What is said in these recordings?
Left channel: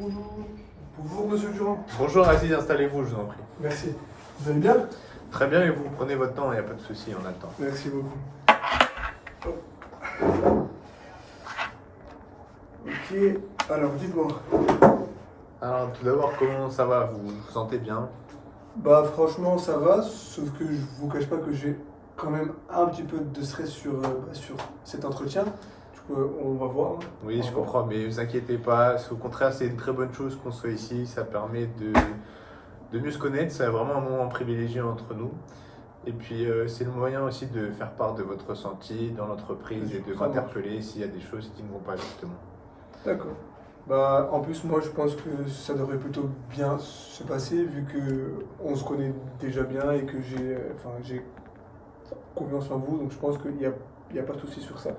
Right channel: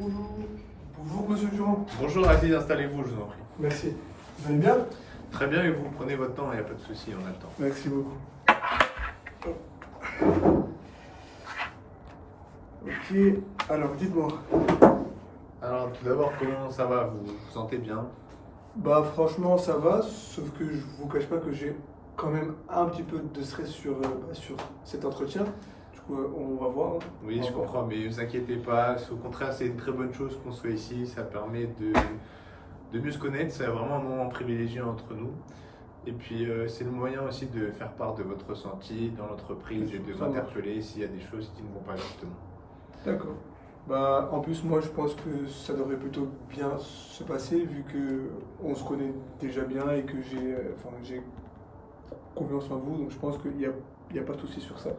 Bonjour. Bonjour Monsieur Durand. Bonjour Aziz, installez-vous, je vous en prie. Merci. Vous allez bien? Très bien, et vous prenez votre temps, il n'y a pas de souci, on a le temps. Merci beaucoup. Hop. Ok, alors dites-moi. Alors tout d'abord, comment ça va? Vous vous sentez bien? Bah franchement ça va, sauf que je vous cache pas que j'ai quand même un petit peu de stress sur cet entretien. Du coup on va voir. Oui, On je va voir. comprends, mais ne vous inquiétez pas. Au contraire, c'est une très bonne chose qu'on soit ici. Ça permet de mieux se connaître. C'est vraiment un moment privilégié entre nous. Et puis, c'est le moyen aussi de faire part de votre ressenti dans l'entreprise et de Ça marche. m'interpeller s'il y a des choses qui ne vont pas justement. D'accord. Bah en plus moi je pense que ça devrait plutôt bien se passer vu que on se connaît déjà bien et que j'ai confiance en vous, donc je pense qu'il y a pas de souci sur ça.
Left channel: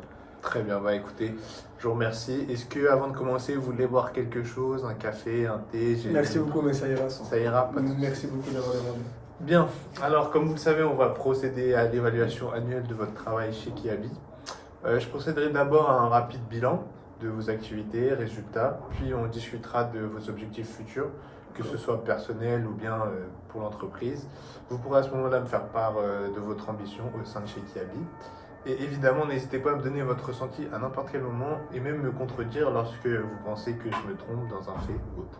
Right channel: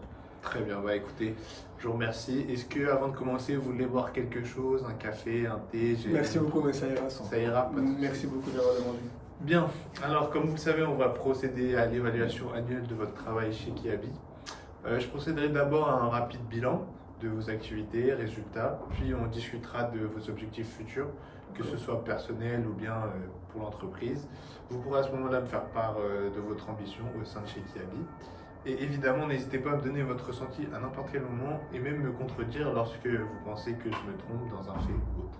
Très bien, bah écoutez, je vous remercie. Est-ce que avant de commencer, vous voulez boire quelque chose, un café, un thé? Merci beaucoup, mais ça ira sans. Ça ira, pas de souci. Merci beaucoup d'avoir demandé. Bien, alors comme vous le savez, on va procéder à l'évaluation annuelle de votre travail chez Kiabi. Je procéderai d'abord à un rapide bilan de vos activités, résultats, puis on discutera de vos objectifs futurs, que ce soit personnel ou bien pour l'entreprise. Vous pourrez à ce moment-là me faire part de votre ambition au sein de chez Kiabi. Et évidemment, n'hésitez pas à me donner votre ressenti à n'importe quel moment et même me contredire lorsque vous pensez que je me trompe dans un fait ou autre.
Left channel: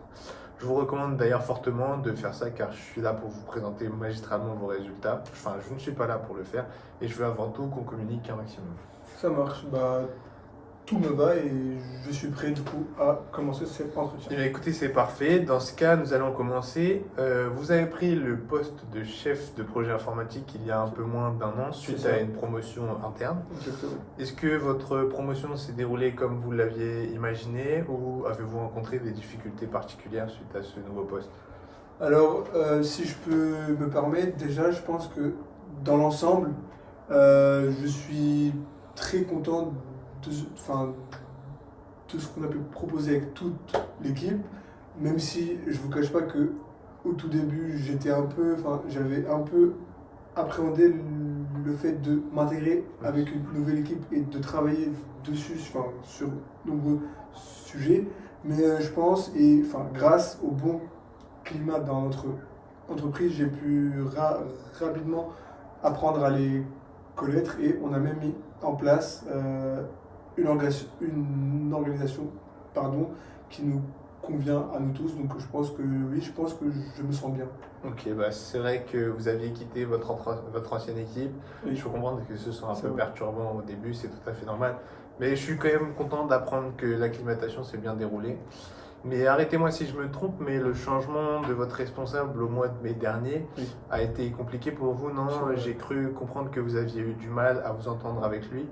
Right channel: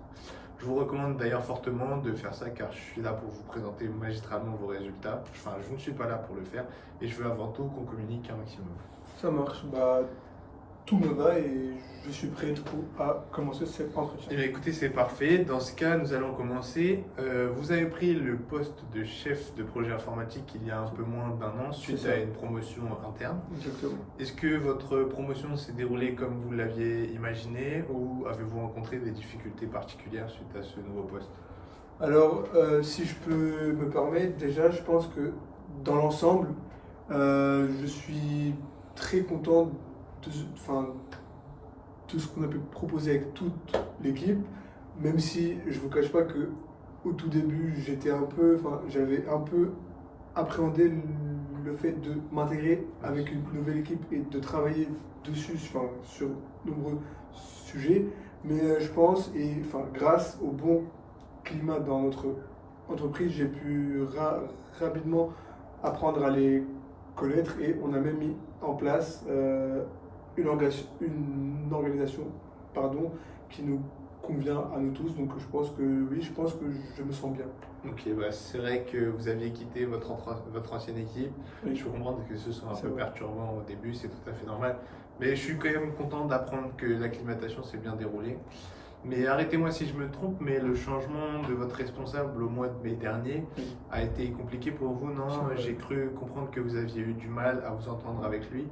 Je vous recommande d'ailleurs fortement de faire ça car je suis là pour vous présenter magistralement vos résultats. Enfin, je ne suis pas là pour le faire et je veux avant tout qu'on communique un maximum. Ça marche, bah tout me va et je suis prêt du coup à commencer cet entretien. Eh bien, écoutez, c'est parfait. Dans ce cas, nous allons commencer. Vous avez pris le poste de chef de projet informatique il y a un peu moins d'un an suite C'est ça. à une promotion interne. Exactement. Est-ce que votre promotion s'est déroulée comme vous l'aviez imaginé ou avez-vous rencontré des difficultés particulières suite à ce nouveau poste? Alors, si je peux me permettre, déjà, je pense que dans l'ensemble, je suis très content de ce qu'on a pu proposer avec toute l'équipe, même si je vous cache pas que au tout début, j'avais un peu appréhendé le fait de m'intégrer avec une nouvelle équipe et de travailler dessus, sur de nombreux sujets. Mais je pense, grâce au bon climat dans notre entreprise, j'ai pu rapidement apprendre à les connaître et on a même mis en place une organisation qui nous convient à nous tous. Donc je pense que oui, je pense que je me sens bien. Ok, bah c'est vrai que vous aviez quitté votre ancienne équipe. Oui. Je peux comprendre que ce soit un C'est peu vrai. perturbant au début, c'est tout à fait normal. Mais je suis quand même content d'apprendre que l'acclimatation s'est bien déroulée. Mais arrêtez-moi si je me trompe, mais le changement de votre responsable au mois de mai dernier Oui. a été compliqué pour vous, non? C'est vrai. J'ai cru comprendre que vous aviez eu du mal à vous entendre avec lui.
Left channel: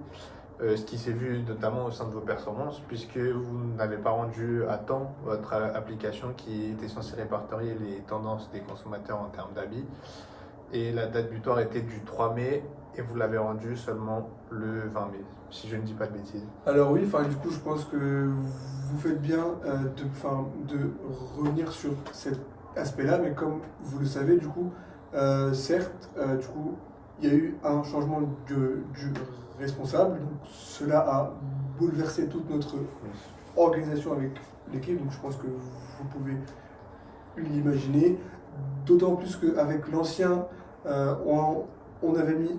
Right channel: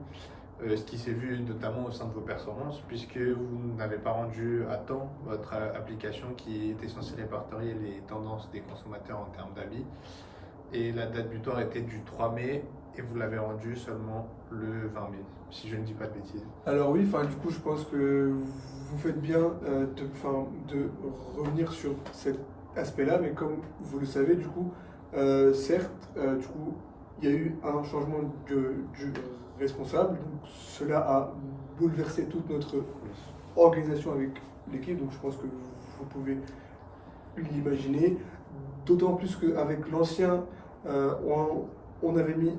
Ce qui s'est vu notamment au sein de vos performances, puisque vous n'avez pas rendu à temps votre application qui était censée répertorier les tendances des consommateurs en termes d'habits. Et la date butoir était du 3 mai et vous l'avez rendu seulement le 20 mai, si je ne dis pas de bêtises. Alors oui, du coup, je pense que vous faites bien de revenir sur cet aspect-là, mais comme vous le savez, du coup, certes, du coup, il y a eu un changement du responsable, donc cela a bouleversé toute notre Oui. organisation avec l'équipe, donc je pense que vous pouvez l'imaginer, d'autant plus qu'avec l'ancien, on avait mis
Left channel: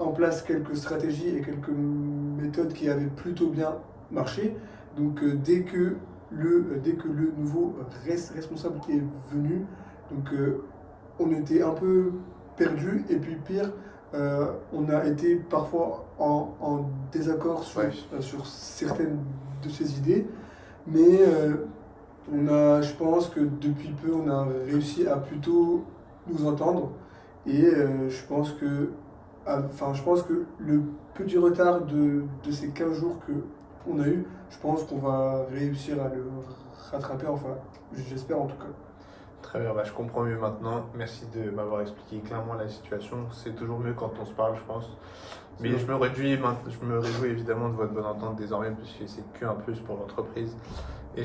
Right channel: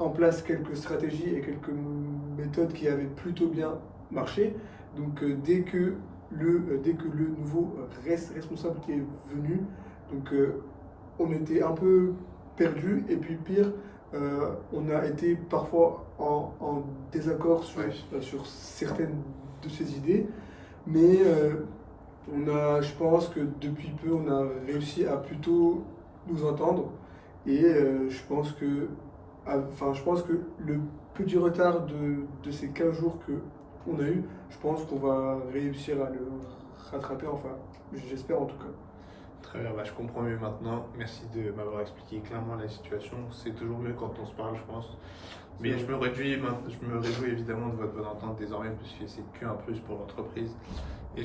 en place quelques stratégies et quelques méthodes qui avaient plutôt bien marché. Donc dès que le nouveau responsable est venu, donc on était un peu perdu et puis pire, on a été parfois en désaccord sur certaines de ses idées, mais je pense que depuis peu on a réussi à plutôt nous entendre et je pense que le petit retard de ces 15 jours qu'on a eu, je pense qu'on va réussir à le rattraper, enfin, j'espère en tout cas. Très bien, bah, je comprends mieux maintenant. Merci de m'avoir expliqué clairement la situation. C'est toujours mieux quand on se parle, je pense. Mais je me réjouis évidemment de votre bonne entente désormais, puisque c'est qu'un plus pour l'entreprise. Et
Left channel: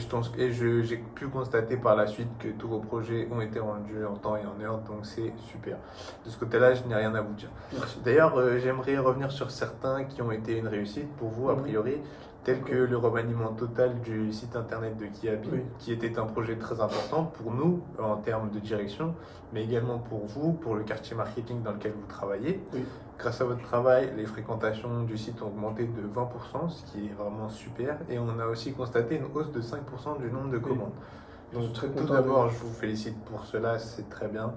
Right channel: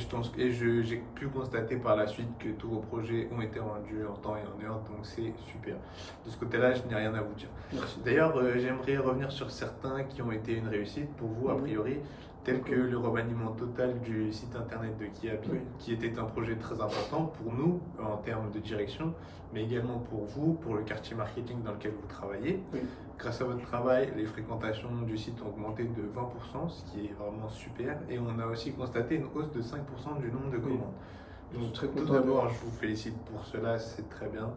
j'ai pu constater par la suite que tous vos projets ont été rendus en temps et en heure, donc c'est super. De ce côté-là, je n'ai rien à vous dire. Merci. D'ailleurs, j'aimerais revenir sur certains qui ont été une réussite pour vous, a priori. tels que le remaniement total du site internet de Kiabi, Oui. qui était un projet très important pour nous en termes de direction, mais également pour vous, pour le quartier marketing dans lequel vous travaillez. Oui. Grâce à votre travail, les fréquentations du site ont augmenté de 20%, ce qui est vraiment super. Et on a aussi constaté une hausse de 5% du nombre de commandes. Je suis Donc très tout content d'abord, je vous félicite pour cela, c'est très bien.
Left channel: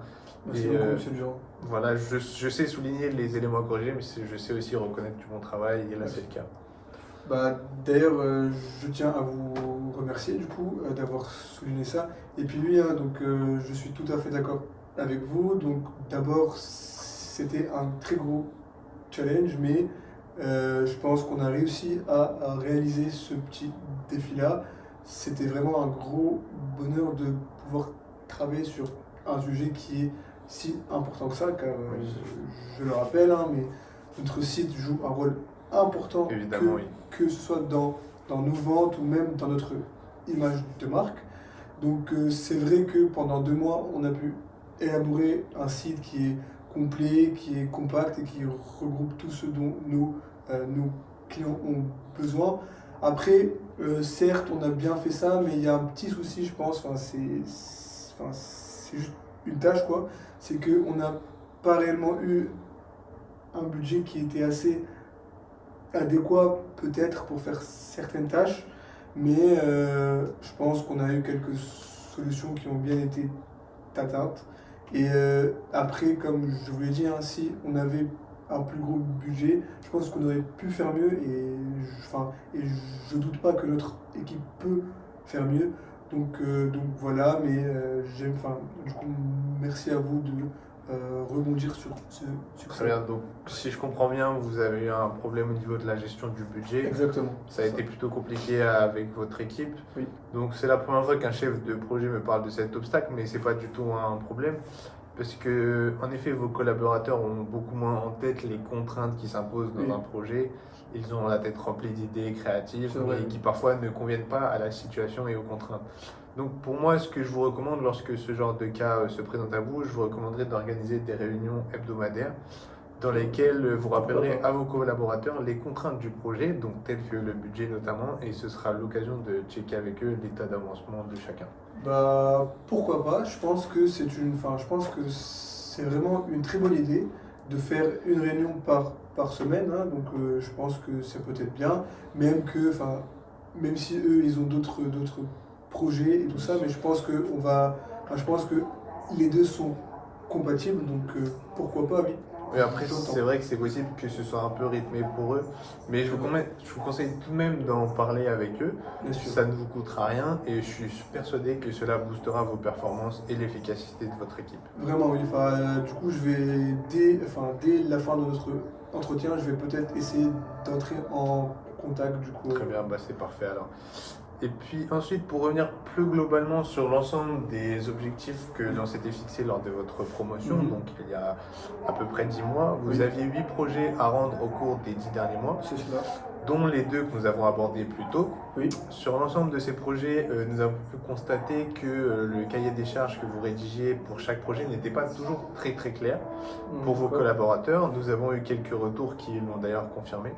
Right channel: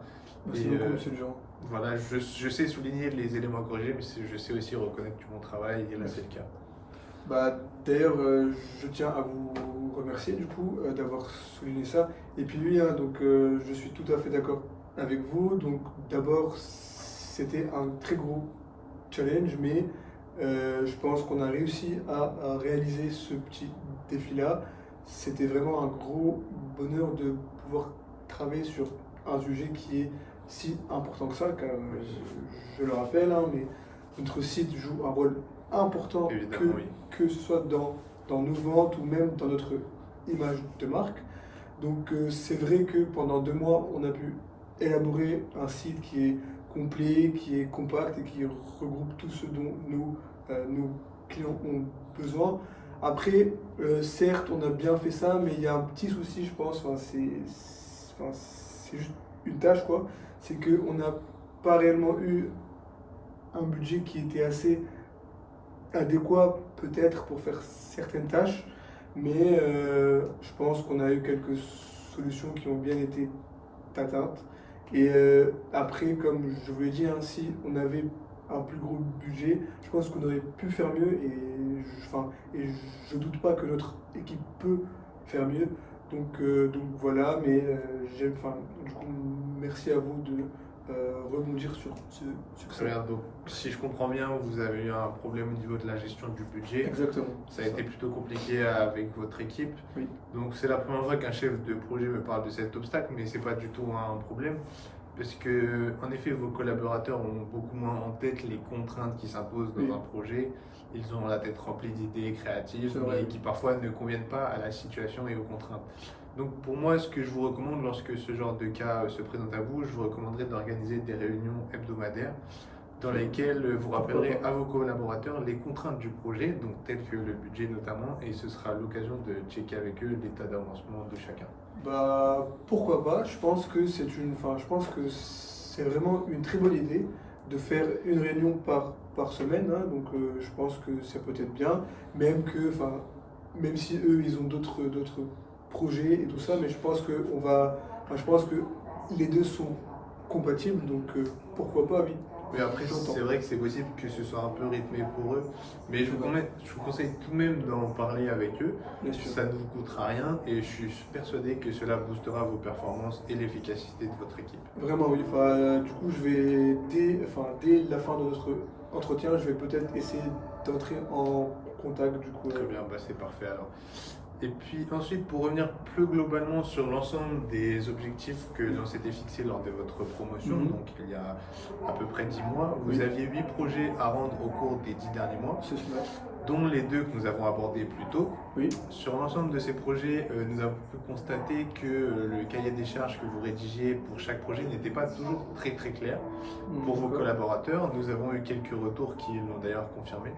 Merci Et, beaucoup, monsieur Durand. voilà, je sais souligner les éléments à corriger, mais je sais aussi reconnaître du bon travail, et là Merci. c'est le cas. Bah, d'ailleurs, je tiens à vous remercier du coup d'avoir souligné ça. Et puis oui, hein, donc je suis tout à fait d'accord avec vous. Donc d'abord, c'était un très gros challenge, mais je pense qu'on a réussi à réaliser ce petit défi-là. C'était vraiment un gros bonheur de pouvoir travailler sur un sujet qui est si important que ça, car je le rappelle, hein, mais notre site joue un rôle important Évidemment, oui. que ce soit dans nos ventes ou même dans notre image de marque. Donc c'est vrai que pendant 2 mois, on a pu élaborer un site qui est complet, qui est compact et qui regroupe tout ce dont nos clients ont besoin. Après, certes, on a bien fait ça, mais il y a un petit souci, je pense, c'est juste une tâche, quoi. C'est qu'on n'a pas réellement eu un budget qui était assez adéquat peut-être pour faire certaines tâches, mais je pense qu'on a eu quelques solutions qui ont bien été atteintes. Et après, comme je vous l'ai dit, hein, si on avait un plus gros budget, je pense qu'on aurait pu faire mieux et je doute pas que notre équipe peut faire mieux. Donc voilà, mais du coup, merci à vous de rebondir sur Très ça. bien, donc si je comprends bien, vous avez eu un problème au niveau de la gestion du budget. Exactement. Ça a été plutôt compliqué avec votre équipe. Oui. Donc c'est la première fois qu'un chef de projet me parle de cet obstacle, mais c'est pas du tout un problème. Parce que, en effet, vos collaborateurs ont beaucoup moins en tête les contraintes qui s'imposent dans Oui. un projet. Ils ont la tête remplie d'idées créatives, C'est vrai, mais oui. qui parfois ne conviennent pas à la situation et aux contraintes. Donc pour moi, ce que je vous recommande lorsque ce genre de cas se présente à vous, je vous recommanderais d'organiser des réunions hebdomadaires dans lesquelles vous rappellerez pas. à vos collaborateurs les contraintes du projet, donc telles que le budget notamment, et ce sera l'occasion de checker avec eux l'état d'avancement de chacun. Bah pourquoi pas? Je pense que c'est vraiment une très bonne idée de faire une réunion par semaine, hein. Donc je pense que ça peut être bien, même si eux ils ont d'autres projets et tout ça, mais je pense que les deux sont compatibles, donc pourquoi pas, oui. Mais après, J'entends. c'est vrai que c'est possible que ce soit un peu rythmé pour eux, mais je vous conseille tout de même d'en parler avec eux. Bien sûr. Ça ne vous coûtera rien et je suis persuadé que cela boostera vos performances et l'efficacité de votre équipe. Vraiment, oui. Du coup, dès la fin de notre entretien, je vais peut-être essayer d'entrer en contact, du coup. Très bien, bah c'est parfait alors. Et puis ensuite, pour revenir plus globalement sur l'ensemble des objectifs que l'on s'était fixés lors de votre promotion, Mhm. donc il y a à peu près 10 mois, vous Oui. aviez 8 projets à rendre au cours des 10 derniers mois, C'est cela. dont les 2 que nous avons abordés plus tôt. Oui. Sur l'ensemble de ces projets, nous avons pu constater que le cahier des charges que vous rédigiez pour chaque projet n'était pas toujours très clair pour vos D'accord. collaborateurs. Nous avons eu quelques retours qui l'ont d'ailleurs confirmé.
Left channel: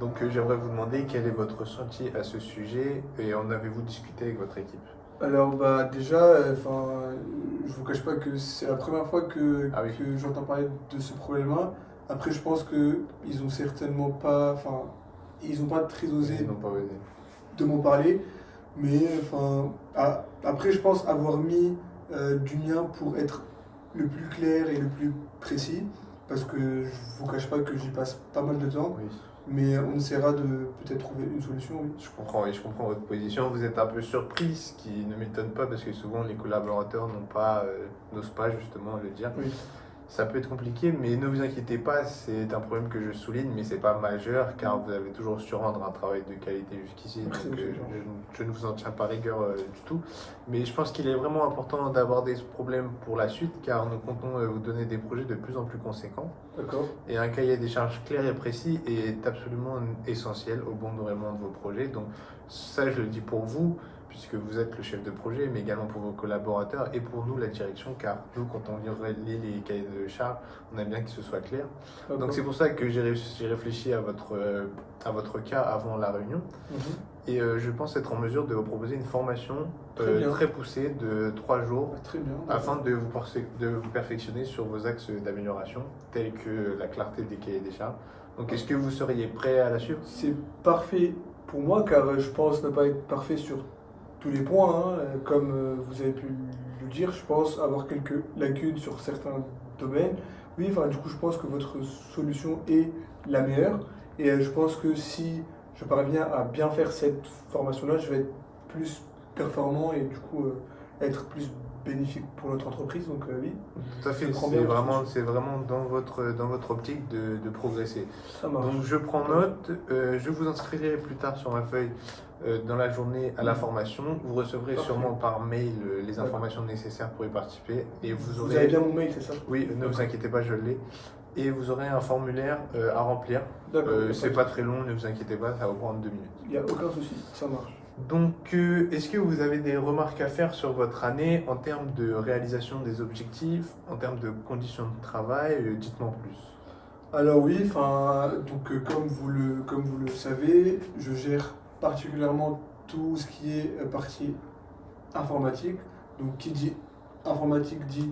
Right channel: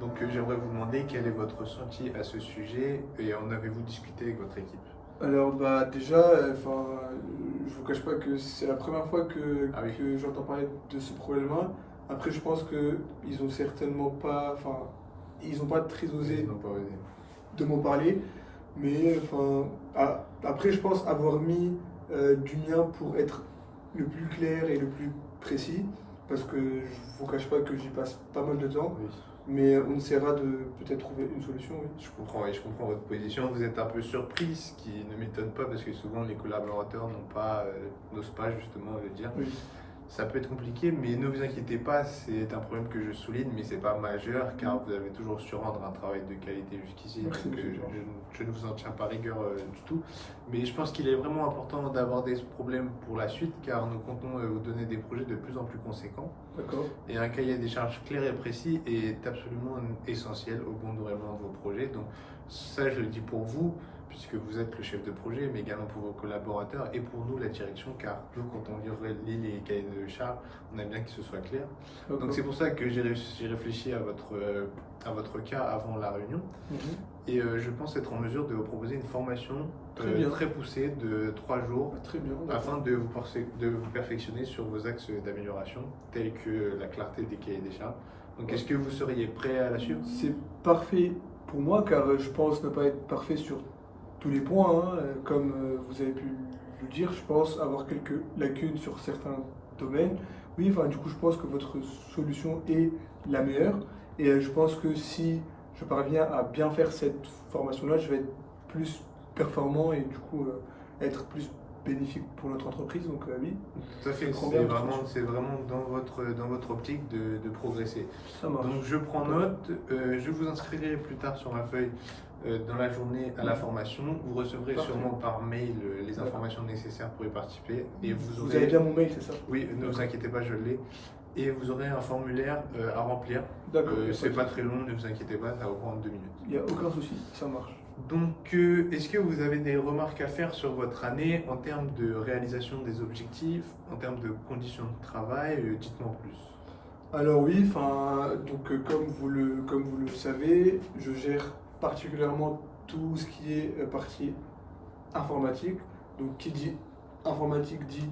Donc j'aimerais vous demander quel est votre ressenti à ce sujet et en avez-vous discuté avec votre équipe? Alors, bah, déjà, je vous cache pas que c'est la première fois Ah oui. que j'entends parler de ce problème-là. Après, je pense qu'ils ont certainement pas, ils ont pas très osé Ils n'ont pas osé. de m'en parler. Mais après, je pense avoir mis du mien pour être le plus clair et le plus précis. Parce que je vous cache pas que j'y passe pas mal de temps. Oui. Mais on essaiera de peut-être trouver une solution, oui. Je comprends, et je comprends votre position. Vous êtes un peu surpris, ce qui ne m'étonne pas parce que souvent les collaborateurs n'osent pas justement le dire. Oui. Ça peut être compliqué, mais ne vous inquiétez pas, c'est un problème que je souligne, mais c'est pas majeur car vous avez toujours su rendre un travail de qualité jusqu'ici. Merci, Donc monsieur Jean. je ne vous en tiens pas rigueur du tout. Mais je pense qu'il est vraiment important d'aborder ce problème pour la suite car nous comptons vous donner des projets de plus en plus conséquents. D'accord. Et un cahier des charges clair et précis est absolument essentiel au bon déroulement de vos projets. Donc ça, je le dis pour vous, puisque vous êtes le chef de projet, mais également pour vos collaborateurs et pour nous, la direction, car nous, quand on lit les cahiers de charges, on aime bien que ce soit clair. D'accord. Donc c'est pour ça que j'ai réfléchi à votre cas avant la réunion. Mhm. Et je pense être en mesure de vous proposer une formation Très bien. très poussée de 3 jours Très bien. afin de vous perfectionner sur vos axes d'amélioration, tels que la clarté des cahiers des charges. Donc est-ce que vous seriez prêt à la suivre? C'est parfait pour moi car je pense ne pas être parfait sur tous les points, hein. Comme vous avez pu le dire, je pense avoir quelques lacunes sur certains domaines. Oui, enfin, du coup, je pense que votre solution est la meilleure et je pense que si je parviens à bien faire cette formation-là, je vais être plus performant et du coup être plus bénéfique pour notre entreprise. Donc oui, Tout à fait, je prends bien votre c'est vraiment dans votre optique de progresser. ça marche. Donc je prends note, je vous inscrirai plus tard sur ma feuille dans la journée à la formation. Vous recevrez Parfait. sûrement par mail les informations nécessaires pour y participer. Et Vous aurez... avez bien mon mail, c'est ça? Oui, ne vous inquiétez pas, je l'ai. Et vous aurez un formulaire à remplir. D'accord. C'est pas très long, ne vous inquiétez pas, ça va vous prendre 2 minutes. Il n'y a aucun souci, ça marche. Donc, est-ce que vous avez des remarques à faire sur votre année en termes de réalisation des objectifs, en termes de conditions de travail? Dites-moi plus. Alors oui, enfin, donc comme vous le savez, je gère particulièrement tout ce qui est partie informatique. Donc qui dit informatique dit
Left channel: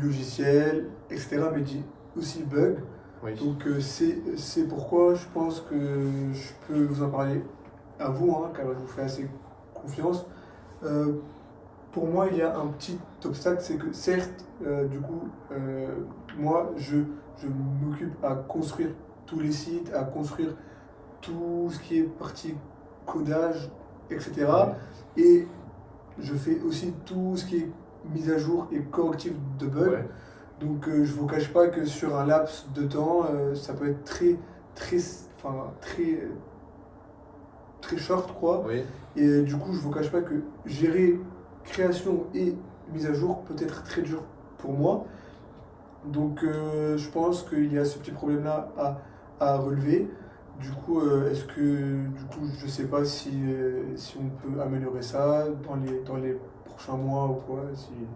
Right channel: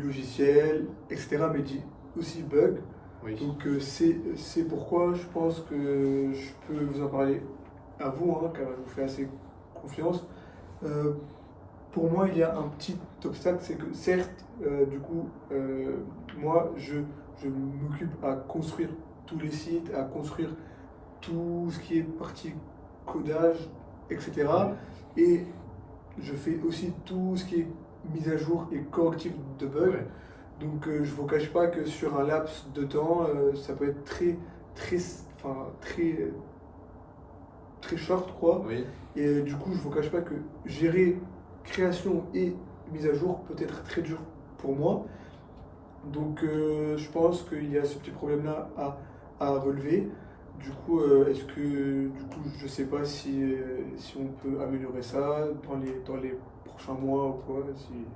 logiciel, etc. Mais dit aussi bug. Oui. Donc c'est pourquoi je pense que je peux vous en parler à vous, hein, car je vous fais assez confiance. Pour moi, il y a un petit obstacle, c'est que certes, du coup, moi, je m'occupe à construire tous les sites, à construire tout ce qui est partie codage, etc. Et je fais aussi tout ce qui est mise à jour et correctif de bugs. Ouais. Donc je ne vous cache pas que sur un laps de temps, ça peut être très short, quoi. Oui. Et du coup, je ne vous cache pas que gérer création et mise à jour peut être très dur pour moi. Donc je pense qu'il y a ce petit problème-là à relever. Du coup, je ne sais pas si on peut améliorer ça dans les prochains mois ou quoi.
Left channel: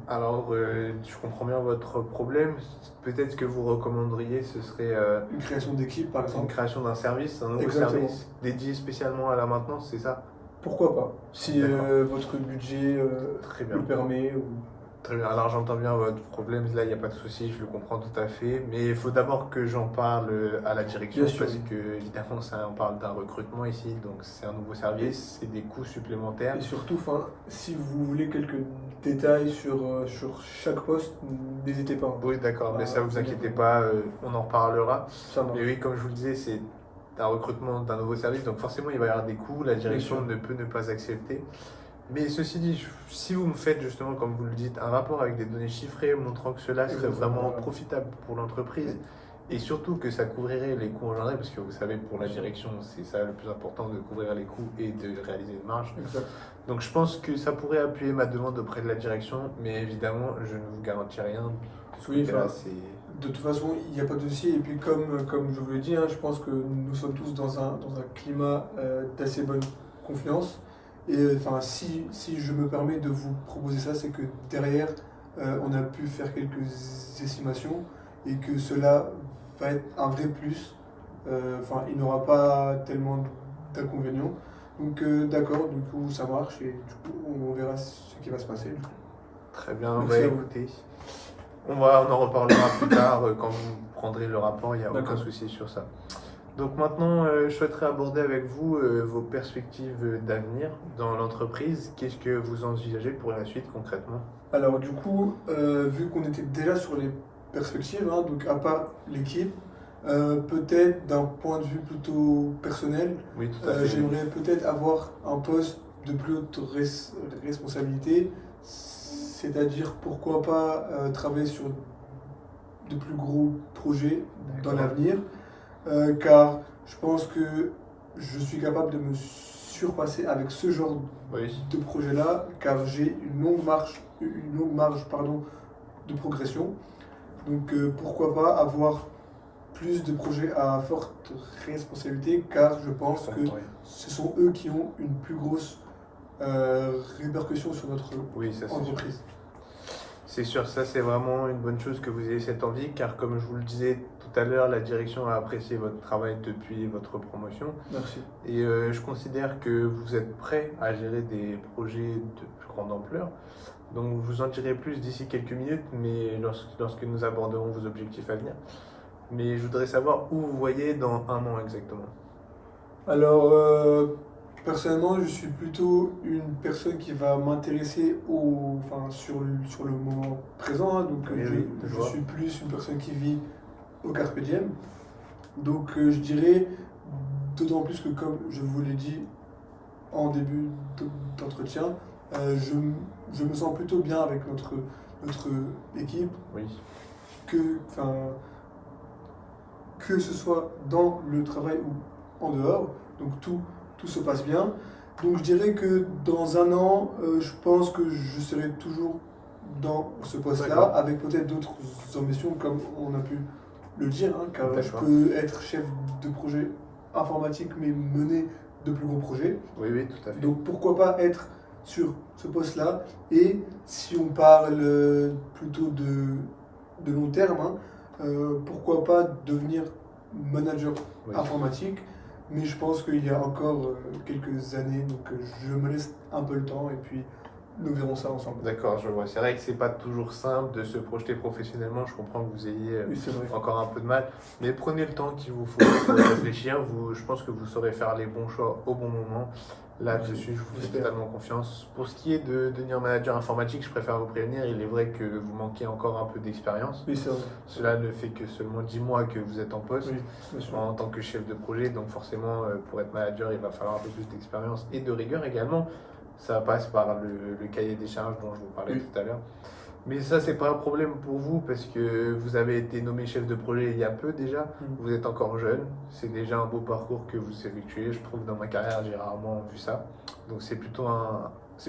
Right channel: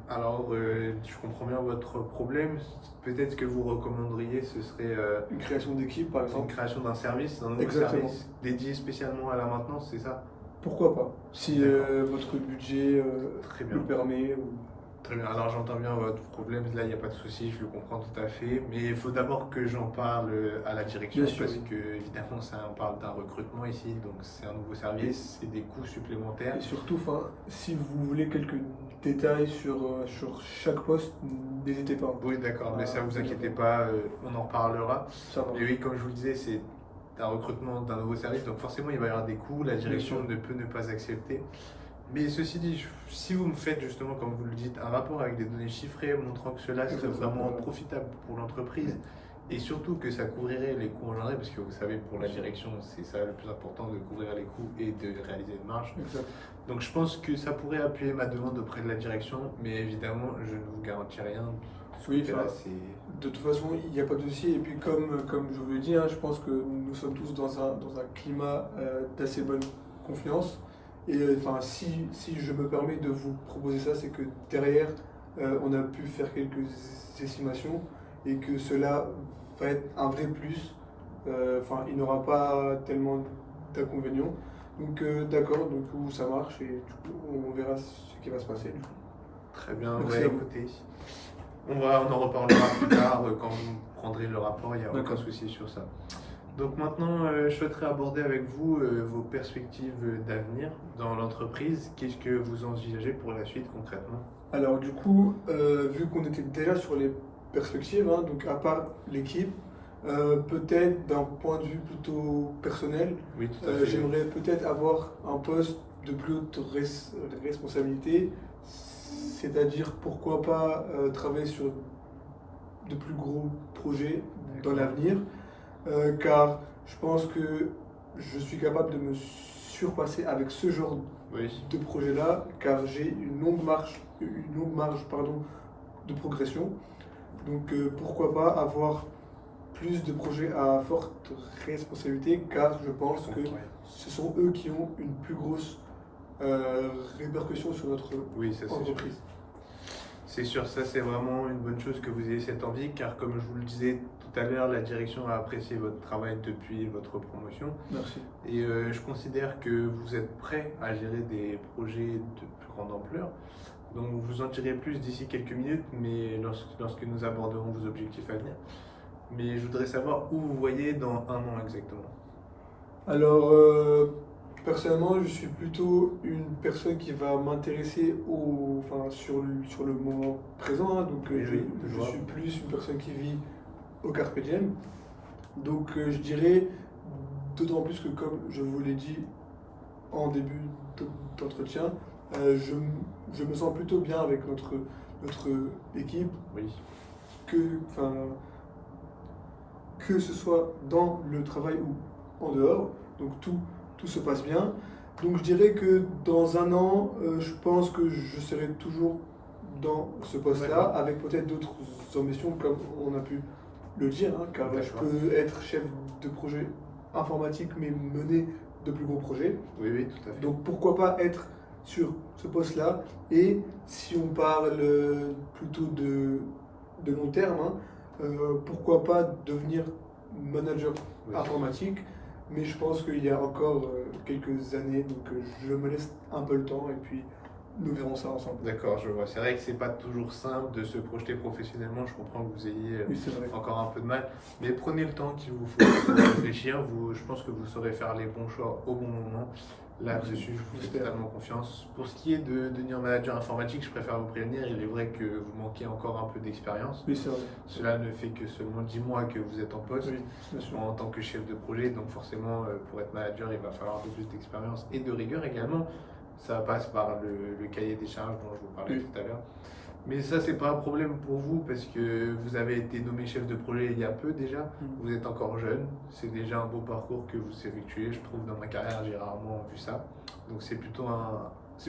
Alors, je comprends bien votre problème. Peut-être que vous recommanderiez, ce serait Une création d'équipe, par une exemple. création d'un service, un nouveau Exactement. service dédié spécialement à la maintenance, c'est ça? Pourquoi pas? Si D'accord. votre budget Très bien. le permet. Ou... Très bien, alors j'entends bien votre problème, là il n'y a pas de souci, je le comprends tout à fait, mais il faut d'abord que j'en parle à la direction, Bien sûr, parce oui. que évidemment on parle d'un recrutement ici, donc c'est un nouveau service, c'est des coûts supplémentaires. Et surtout, si vous voulez quelques détails sur chaque poste, n'hésitez pas. Oui d'accord, mais ça vous c'est inquiétez d'accord. pas, on en reparlera. Ça marche. Mais oui, comme je vous le disais, c'est un recrutement d'un nouveau service, donc forcément il va y avoir des coûts, la direction sûr. ne peut ne pas accepter. Mais ceci dit, si vous me faites justement, comme vous le dites, un rapport avec des données chiffrées montrant que cela serait Exactement, vraiment voilà. profitable pour l'entreprise et surtout que ça couvrirait les coûts engendrés, parce que vous savez, pour la direction, c'est ça le plus important, de couvrir les coûts et de réaliser une marge. Exact. Donc je pense que ça pourrait appuyer ma demande auprès de la direction, mais évidemment, je ne vous garantis rien. Oui, Là, enfin, de toute façon, il n'y a pas de dossier. Et puis, comme je vous l'ai dit, hein, je pense que nous sommes tous dans un climat d'assez bonne confiance. Et enfin, si je me permets de vous proposer ça, c'est que derrière, on a pu faire quelques estimations et que cela va être un vrai plus. Enfin, il n'aura pas tellement d'inconvénients. Donc, d'accord, du coup, ça marche et du coup, on verra ce qui va se passer. Du coup. Très bien, Merci à vous. écoutez, on en reparlera plus tard quand vous prendrez le rapport, il n'y a aucun D'accord. souci sur ça. Donc maintenant, je souhaiterais aborder avec vous vos perspectives d'avenir dans l'entreprise. Qu'est-ce que vous envisagez pour la suite concrètement? Alors du coup, vu qu'on était déjà sur les perspectives, hein, donc à part l'équipe, peut-être d'un point de vue plutôt personnel, Oui, tout à fait. j'aimerais peut-être avoir un poste de plus haute responsabilité, c'est-à-dire pourquoi pas travailler sur de plus gros projets dans D'accord. l'avenir, car je pense que je suis capable de me surpasser avec ce genre Oui, de projet-là, car j'ai une longue marge de progression. Donc pourquoi pas avoir plus de projets à forte responsabilité, car je pense que comprends, oui. ce sont eux qui ont une plus grosse répercussions sur notre Oui, ça c'est sûr. entreprise. C'est sûr, ça c'est vraiment une bonne chose que vous ayez cette envie, car comme je vous le disais tout à l'heure, la direction a apprécié votre travail depuis votre promotion. Merci. Et je considère que vous êtes prêt à gérer des projets de plus grande ampleur. Donc je vous en dirai plus d'ici quelques minutes, mais lorsque nous aborderons vos objectifs à venir. Mais je voudrais savoir où vous voyez dans un an exactement. Alors, personnellement, je suis plutôt une personne qui va m'intéresser sur le moment présent, hein. Donc, Oui, oui, je je vois. suis plus une personne qui vit au carpe diem. Donc, je dirais, d'autant plus que, comme je vous l'ai dit en début d'entretien, je me sens plutôt bien avec notre équipe, Oui, que, enfin, que ce soit dans le travail ou en dehors. Donc tout se passe bien. Donc je dirais que dans un an, je pense que je serai toujours dans ce poste-là, D'accord. avec peut-être d'autres ambitions, comme on a pu le dire, hein, car je D'accord. peux être chef de projet informatique, mais mener de plus gros projets. oui, oui, tout à fait. Donc pourquoi pas être sur ce poste-là. Et si on parle plutôt de long terme, hein, pourquoi pas devenir manager Oui. informatique. Mais je pense qu'il y a encore quelques années, donc je me laisse un peu le temps et puis nous verrons ça ensemble. D'accord, je vois. C'est vrai que c'est pas toujours simple de se projeter professionnellement. Je comprends que vous ayez Oui, c'est vrai. encore un peu de mal, mais prenez le temps qu'il vous faut pour réfléchir. Je pense que vous saurez faire les bons choix au bon moment. Là-dessus, je vous fais J'espère. totalement confiance. Pour ce qui est de devenir manager informatique, je préfère vous prévenir. Il est vrai que vous manquez encore un peu d'expérience. Oui, c'est vrai. Cela ne fait que seulement 10 mois que vous êtes en poste Oui, bien sûr. en tant que chef de projet. Donc forcément, pour être manager, il va falloir un peu plus d'expérience et de rigueur également. Ça passe par le cahier des charges dont je vous parlais Oui. tout à l'heure. Mais ça, c'est pas un problème pour vous parce que vous avez été nommé chef de projet il y a peu déjà. Vous êtes encore jeune. C'est déjà un beau parcours que vous effectuez. Je trouve dans ma carrière, j'ai rarement vu ça. Donc c'est plutôt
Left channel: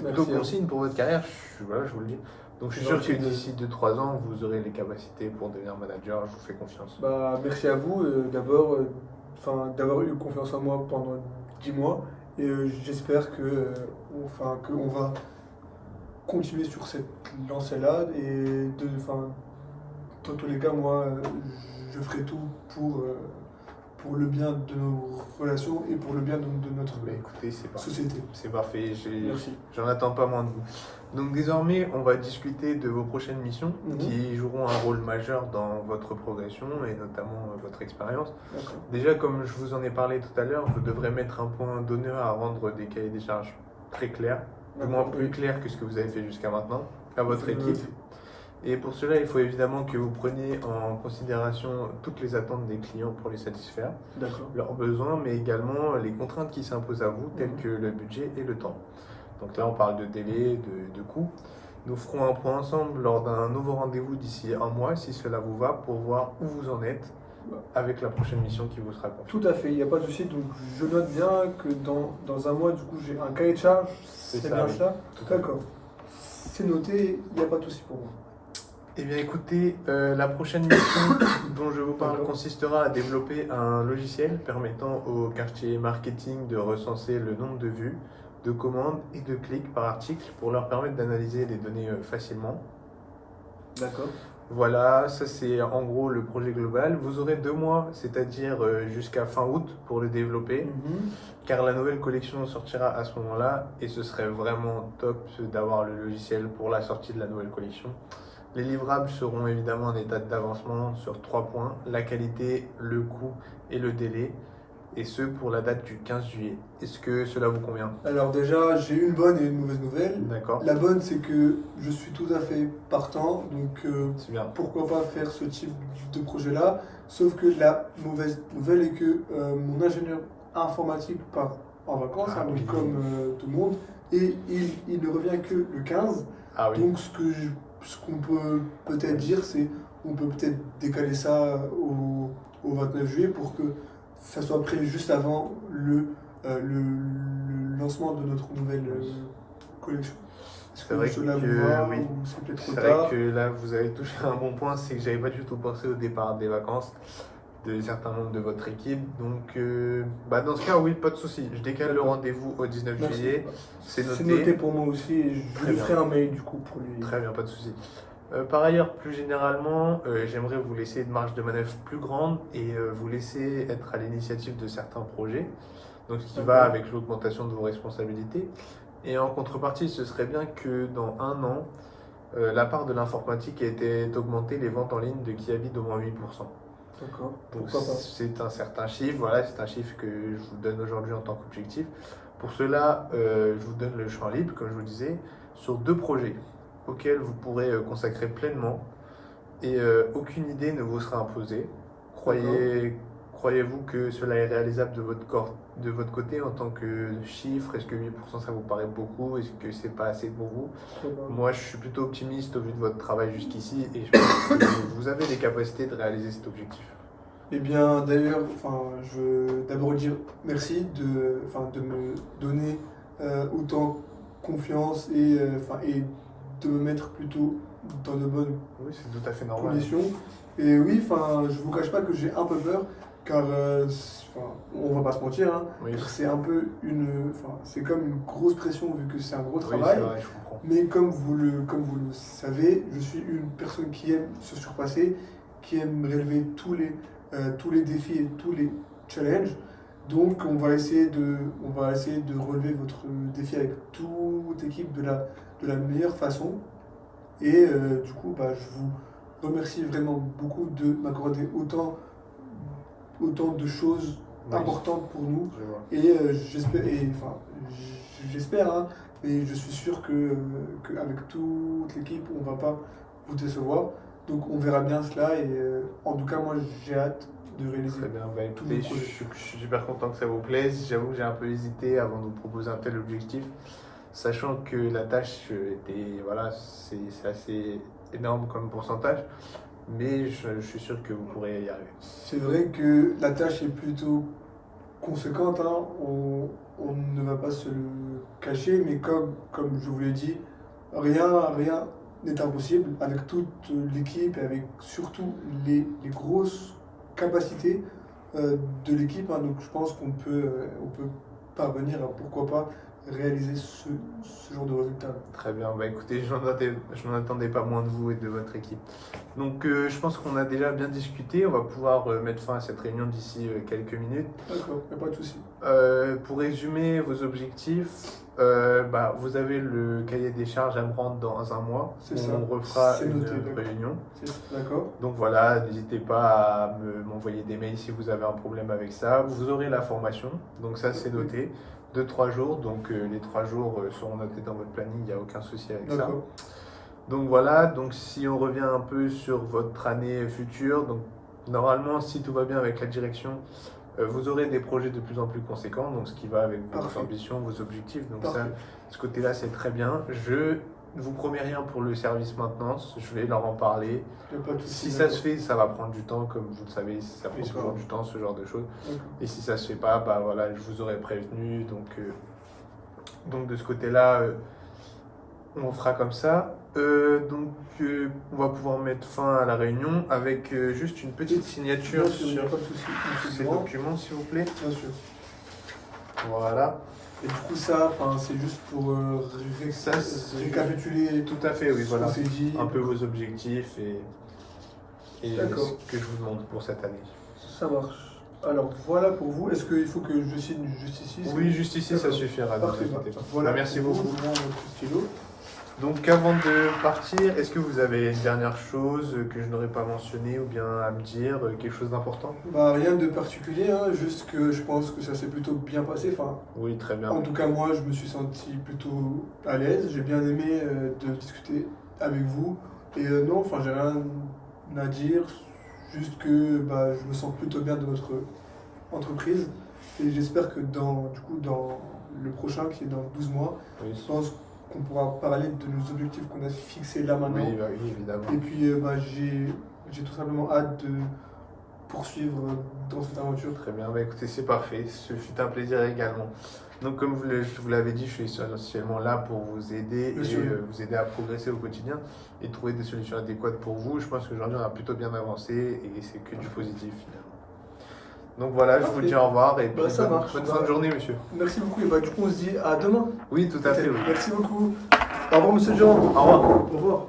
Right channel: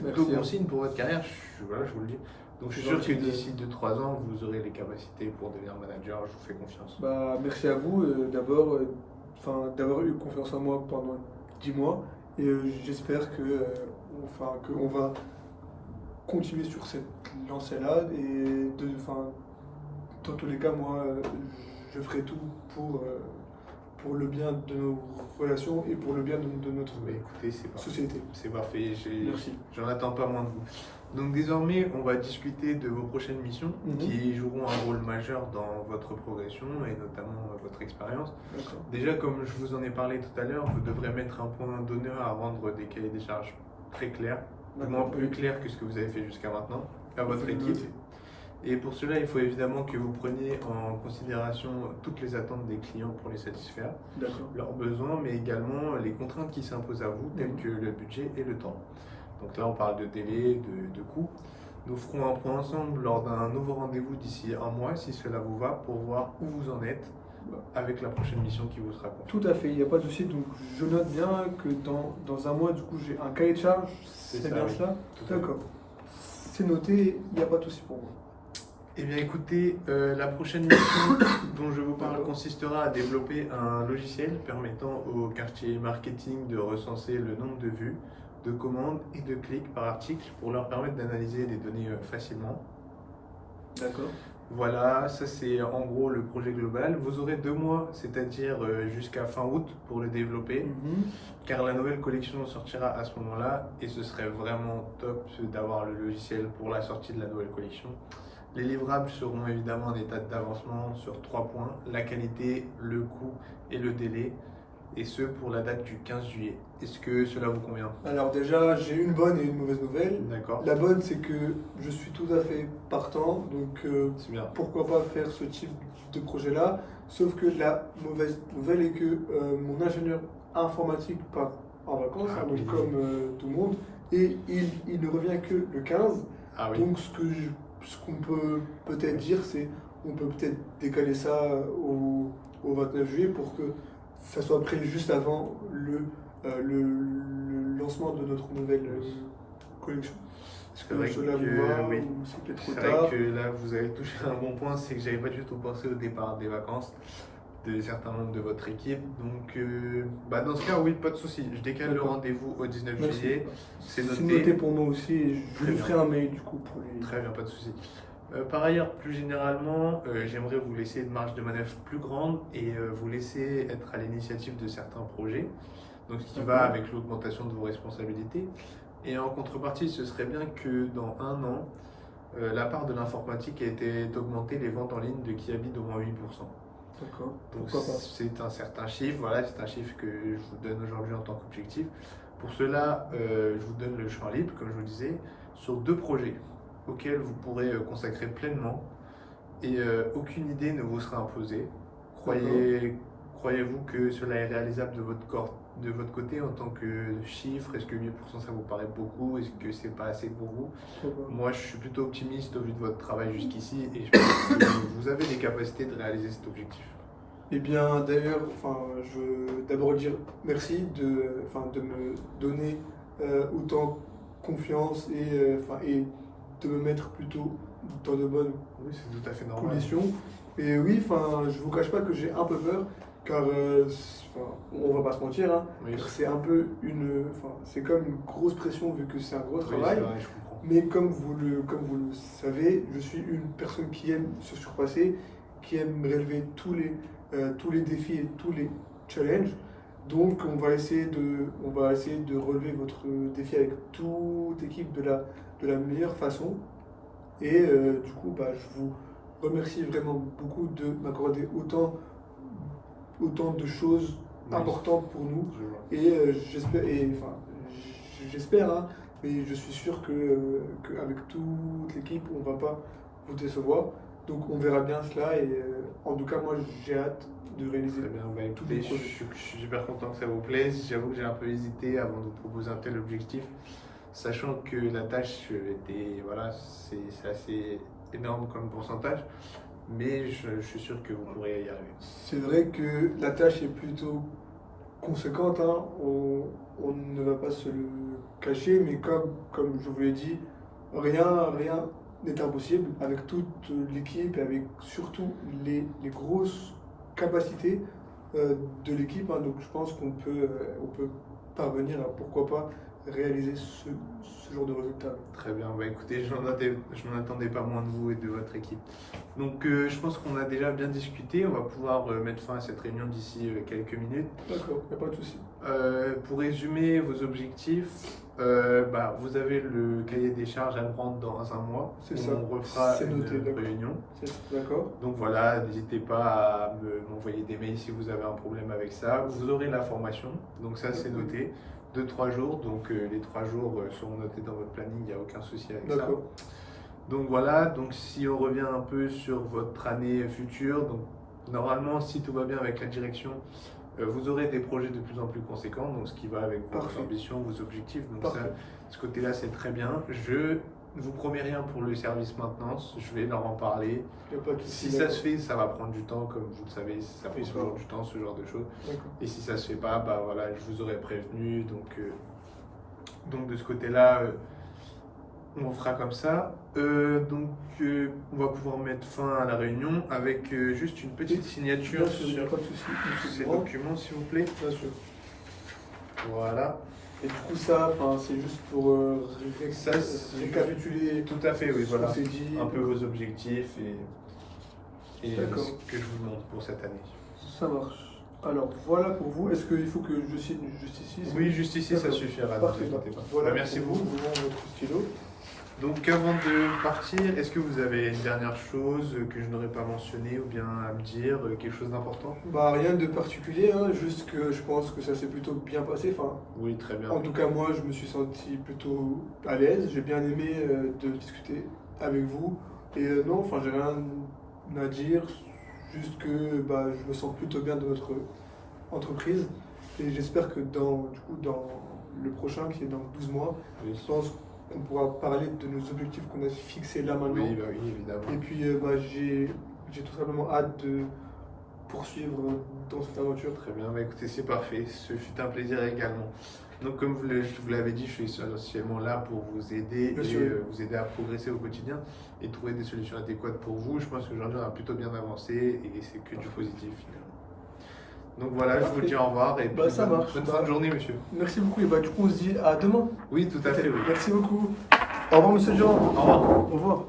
Merci à bon vous. signe pour votre carrière. Voilà, je vous le dis. Donc je suis sûr que gentil de- d'ici 2-3 ans, vous aurez les capacités pour devenir manager. Je vous fais confiance. Bah, merci à vous d'abord d'avoir eu confiance en moi pendant 10 mois. Et j'espère qu'on va continuer sur cette lancée-là. Et dans tous les cas, moi, je ferai tout pour le bien de nos relations et pour le bien de notre Mais écoutez, c'est parfait. société. C'est parfait. Merci. J'en attends pas moins de vous. Donc désormais, on va discuter de vos prochaines missions Mhm. qui joueront un rôle majeur dans votre progression et notamment votre expérience. D'accord. Déjà, comme je vous en ai parlé tout à l'heure, vous devrez mettre un point d'honneur à rendre des cahiers des charges très clairs, du moins plus clairs que ce que vous avez fait jusqu'à maintenant, à votre Je vais équipe. noter. Et pour cela, il faut évidemment que vous preniez en considération toutes les attentes des clients pour les satisfaire, D'accord. leurs besoins, mais également les contraintes qui s'imposent à vous, telles Mhm. que le budget et le temps. Donc là, on parle de délai, de coût. Nous ferons un point ensemble lors d'un nouveau rendez-vous d'ici un mois, si cela vous va, pour voir où vous en êtes avec la prochaine mission qui vous sera confiée. Tout à fait, il n'y a pas de souci. Donc je note bien que dans un mois, du coup, j'ai un cahier de charge. C'est ça, bien oui. cela? Tout à fait. D'accord. C'est noté, il n'y a pas de souci pour moi. Eh bien écoutez, la prochaine mission dont je vous parle D'accord. consistera à développer un logiciel permettant au quartier marketing de recenser le nombre de vues, de commandes et de clics par article pour leur permettre d'analyser les données facilement. D'accord. Voilà, ça c'est en gros le projet global. Vous aurez 2 mois, c'est-à-dire jusqu'à fin août pour le développer, car la nouvelle collection sortira à ce moment-là et ce serait vraiment top d'avoir le logiciel pour la sortie de la nouvelle collection. Les livrables seront évidemment en état d'avancement sur 3 points, la qualité, le coût et le délai, et ce pour la date du 15 juillet. Est-ce que cela vous convient? Alors déjà, j'ai une bonne et une mauvaise nouvelle. D'accord, La bonne, c'est que je suis tout à fait partant, donc c'est bien. pourquoi pas faire ce type de projet-là. Sauf que la mauvaise nouvelle est que mon ingénieur informatique part en vacances, Ah hein, donc oui. comme tout le monde, et il ne revient que le 15. Ah oui, Donc ce qu'on peut peut-être dire, c'est on peut peut-être décaler ça au 29 juillet pour que ça soit prévu juste avant le lancement de notre nouvelle collection. Est-ce C'est vrai que cela que vous va oui. ou c'est peut-être trop c'est tard? vrai que là vous avez touché un bon point, c'est que j'avais pas du tout pensé au départ des vacances. de certains membres de votre équipe. Donc, dans ce cas, oui, pas de souci. Je décale le D'accord. rendez-vous au 19 Merci. juillet. C'est C'est noté. noté pour moi aussi et je Très lui bien. ferai un mail du coup pour les. Très bien, pas de souci. Par ailleurs, plus généralement, j'aimerais vous laisser une marge de manœuvre plus grande et vous laisser être à l'initiative de certains projets, donc ce qui va D'accord. avec l'augmentation de vos responsabilités. Et en contrepartie, ce serait bien que dans un an, la part de l'informatique ait été augmentée, les ventes en ligne de Kiabi d'au moins 8%. D'accord. Donc Pourquoi pas. c'est un certain chiffre, voilà, c'est un chiffre que je vous donne aujourd'hui en tant qu'objectif. Pour cela, je vous donne le champ libre, comme je vous disais, sur 2 projets auxquels vous pourrez consacrer pleinement et aucune idée ne vous sera imposée. Croyez-vous que cela est réalisable de votre côté en tant que chiffre? Est-ce que 8% ça vous paraît beaucoup? Est-ce que c'est pas assez pour vous? Pourquoi pas. Moi, je suis plutôt optimiste au vu de votre travail jusqu'ici et je pense que vous avez les capacités de réaliser cet objectif. Eh bien, d'ailleurs, je veux d'abord dire merci de me donner autant confiance et de me mettre plutôt dans de bonnes Oui, c'est tout à fait normal. conditions. Et oui, je vous cache pas que j'ai un peu peur, car on va pas se mentir, hein, Oui, c'est un peu c'est comme une grosse pression vu que c'est un gros oui, travail. c'est vrai, je comprends. Mais comme vous le savez, je suis une personne qui aime se surpasser, qui aime relever tous les défis et tous les challenges. Donc on va essayer de relever votre défi avec toute équipe de la meilleure façon. Et du coup, je vous remercie vraiment beaucoup de m'accorder autant de choses Oui. importantes pour nous. Je vois. Et j'espère, hein, mais je suis sûr qu'avec toute l'équipe, on ne va pas vous décevoir. Donc on verra bien cela et en tout cas, moi j'ai hâte de réaliser. Très bien, tous écoutez, les je projets. suis super content que ça vous plaise. J'avoue que j'ai un peu hésité avant de vous proposer un tel objectif, sachant que la tâche était, voilà, c'est assez énorme comme pourcentage, mais je suis sûr que vous pourrez y arriver. C'est vrai que la tâche est plutôt conséquente, hein. On ne va pas se le cacher, mais comme je vous l'ai dit, rien n'est impossible avec toute l'équipe et avec surtout les grosses capacités de l'équipe, hein. Donc je pense on peut parvenir à pourquoi pas réaliser ce genre de résultat. Très bien, écoutez, je n'en attendais pas moins de vous et de votre équipe. Donc je pense qu'on a déjà bien discuté, on va pouvoir mettre fin à cette réunion d'ici quelques minutes. D'accord, il n'y a pas de souci. Pour résumer vos objectifs, vous avez le cahier des charges à me rendre dans un mois. C'est ça. On refera C'est une noté, d'accord. réunion. D'accord. Donc voilà, n'hésitez pas à m'envoyer des mails si vous avez un problème avec ça. Vous aurez la formation, donc ça c'est noté. 2-3 jours, donc les 3 jours seront notés dans votre planning, il n'y a aucun souci avec ça. D'accord. Donc voilà, donc si on revient un peu sur votre année future, donc normalement si tout va bien avec la direction, vous aurez des projets de plus en plus conséquents, donc ce qui va avec vos Parfait. ambitions, vos objectifs, donc Parfait. ça, ce côté-là c'est très bien. Je ne vous promets rien pour le service maintenance, je vais leur en parler. Il n'y a pas de souci. Si ça se fait, ça va prendre du temps, comme vous le savez, ça prend Oui, toujours ça. du temps, ce genre de choses. D'accord. Et si ça se fait pas, voilà, je vous aurais prévenu, donc de ce côté-là, on fera comme ça. On va pouvoir mettre fin à la réunion avec juste une petite signature Bien sûr, il n'y a sur pas de souci. Monsieur ces Durand. documents, s'il vous plaît. Bien sûr. Voilà. Et du coup, ça, c'est juste pour Ça, c'est récapituler Tout à fait, oui, ce voilà. qu'on s'est dit. Un peu vos objectifs et D'accord. ce que je vous demande pour cette année. Ça marche. Alors, voilà pour vous. Est-ce qu'il faut que je signe juste ici? Oui, juste ici, ça D'accord. suffira. Ne Parfait. vous inquiétez pas. Voilà. Merci pour beaucoup. vous. Je vous rends votre stylo. Donc avant de partir, est-ce que vous avez une dernière chose que je n'aurais pas mentionné ou bien à me dire, quelque chose d'important? Rien de particulier, hein, juste que je pense que ça s'est plutôt bien passé. Oui, très bien. En tout cas, moi, je me suis senti plutôt à l'aise. J'ai bien aimé de discuter avec vous. Et non, j'ai rien à dire. Juste que je me sens plutôt bien dans notre entreprise. Et j'espère que dans le prochain, qui est dans 12 mois, Oui, je pense qu'on pourra parler de nos objectifs qu'on a fixés là maintenant. oui, évidemment. Et puis, j'ai tout simplement hâte de poursuivre dans cette aventure. Très bien, écoutez, c'est parfait. Ce fut un plaisir également. Donc, comme je vous l'avais dit, je suis essentiellement là pour vous aider Bien et sûr. vous aider à progresser au quotidien et trouver des solutions adéquates pour vous. Je pense qu'aujourd'hui, on a plutôt bien avancé et c'est que du positif finalement. Donc voilà, je vous Parfait. dis au revoir et puis Ça marche. bonne fin de journée, monsieur. Merci beaucoup. Et du coup, on se dit à demain. Oui, tout à fait. Ok, Oui. merci beaucoup. Au revoir, monsieur Durand. Au revoir. Au revoir.